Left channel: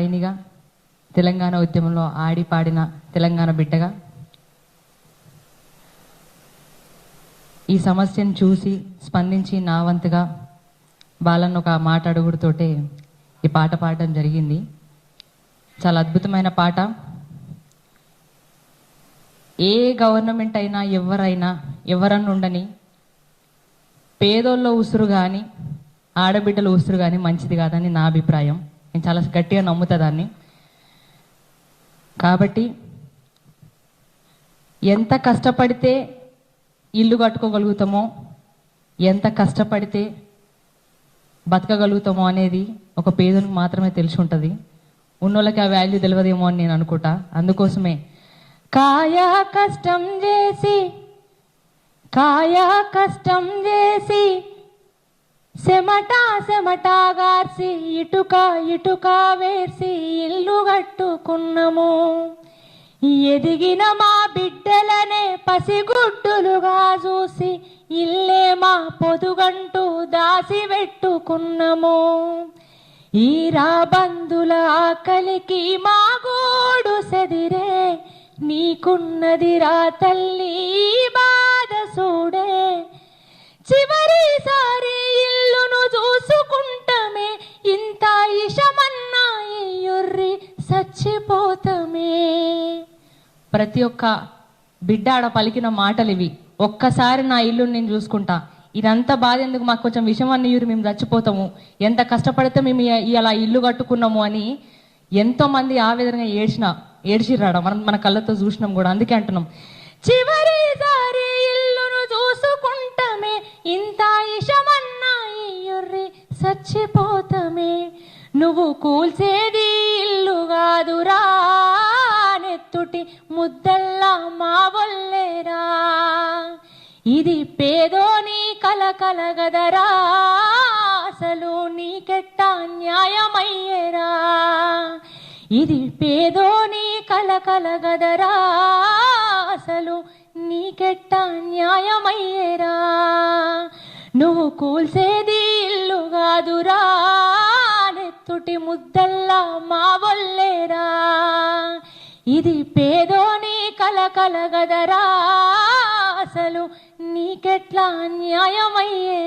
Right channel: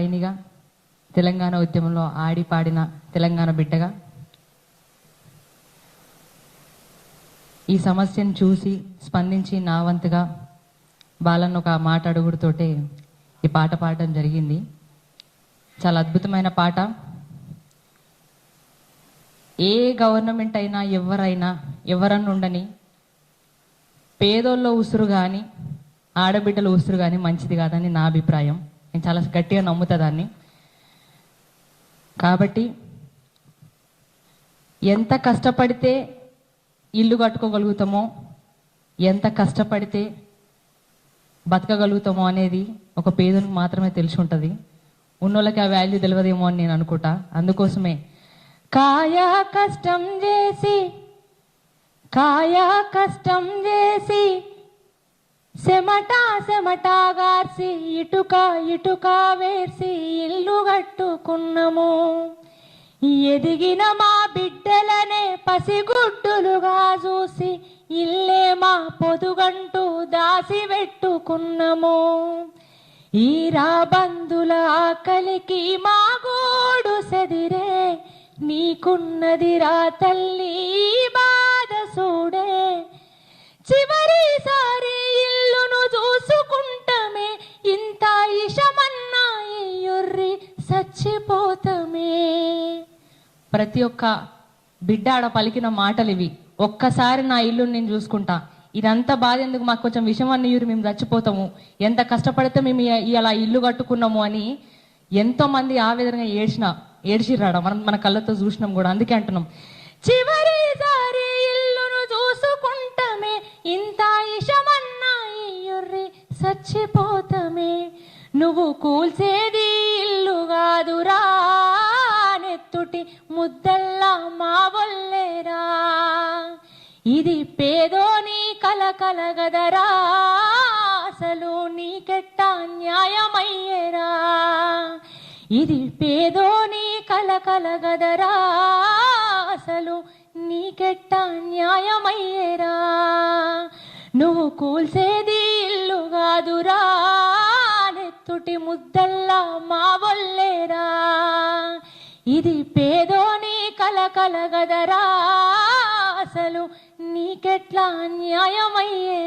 గాయనిగా, తెలంగాణ ఉద్యమంలో ఆడి పాడిన తెలంగాణ బిడ్డగా ఈ సమస్యను చూసి స్పందించి నా వంతుగా బాలన్న ఒక మాట అడుగుడుతోటే ఈ పాట పాడడం జరిగింది. చాలా అద్భుతమైన పాట. ఏ గవర్నమెంట్ అయినా ఎవరన్నా ఉండని పేదోళ్ళ ఉసురు కానీ ఆడబిడ్డల ఉసురు కానీ మంచిది కాదని నా అభిప్రాయం. నేను చాలా గట్టిగా నమ్ముతా దాన్ని. కాబట్టి ఎంత కష్టపడితే ఇల్లు కట్టుకోగలుగుతామో, ఎంత కష్టపడితే బతకగలుగుతామో అనేది ఒక పేదలకు మాత్రమే తెలిసి ఉంటుంది. ఉన్నోళ్ళకి ఆ వాల్యూ తెలియదేమో అని నేను అనుకుంటా. అందుకోసమే కాయా కష్టం చేసి సెమటాగార్సి ఇటుక వేసి ఇల్లు కట్టుకున్నాము. ఎదిగిన మా బిడ్డలనే పసిగుడ్డులుగా చూసి ఇల్లే మా పొదుగంటూ దాసి పెట్టుకున్నాము. ఈ రాబందుల ఆకలికి మా గోడు సెదిరే, నీకున్నది రా తల్లి బాధ చూడే. చివరిసారి ఇల్లును చూసుకుంటమే, ఇంత ఇషమన్నా ఇయ్యుర్రి చచ్చిపోతమే. ప్రతి ఒక్క బిడ్డ ఆడ పలికిన మాటలు ఇవి. ఒక్కసారి నా ఇల్లు నేను చూసుకుంటా, ఇదంతా బాధ ఎందుకు, మాకు కొంచెం విషయం అన్న ఇయ్యురు, మేము చచ్చిపోతాము, ఎంత కష్టపడితే మేము ఇలా ఇల్లు కట్టుకున్నాము అని ఎంతో మంది ఆ విధంగా ఏడ్చిరాడ. మన కళ్ళతో చూసినాం కూడా. అందుకే అంటున్నాం, చివరిసారి ఇల్లును చూసుకుంటమే, ఇంత ఇషమన్నా ఇయ్యుర్రి చచ్చిపోతమే. నువ్వు కూల్చేది ఇల్లు కాదురా, నెత్తుటి ముద్దల్లా మా వల్లేరా. ఇది పేదోని కలగదరా, అసలు నీకెట్టా న్యాయమయ్యేరా. ఇది పేదోని కలగదరా, అసలు నీకెట్టా న్యాయమయ్యేరా. నువ్వు కూల్చేది ఇల్లు కాదురా, నెత్తుటి ముద్దల్లా మా వల్లేరా. ఇది పేదోని కలగదరా, అసలు నీకెట్లా న్యాయమయ్యే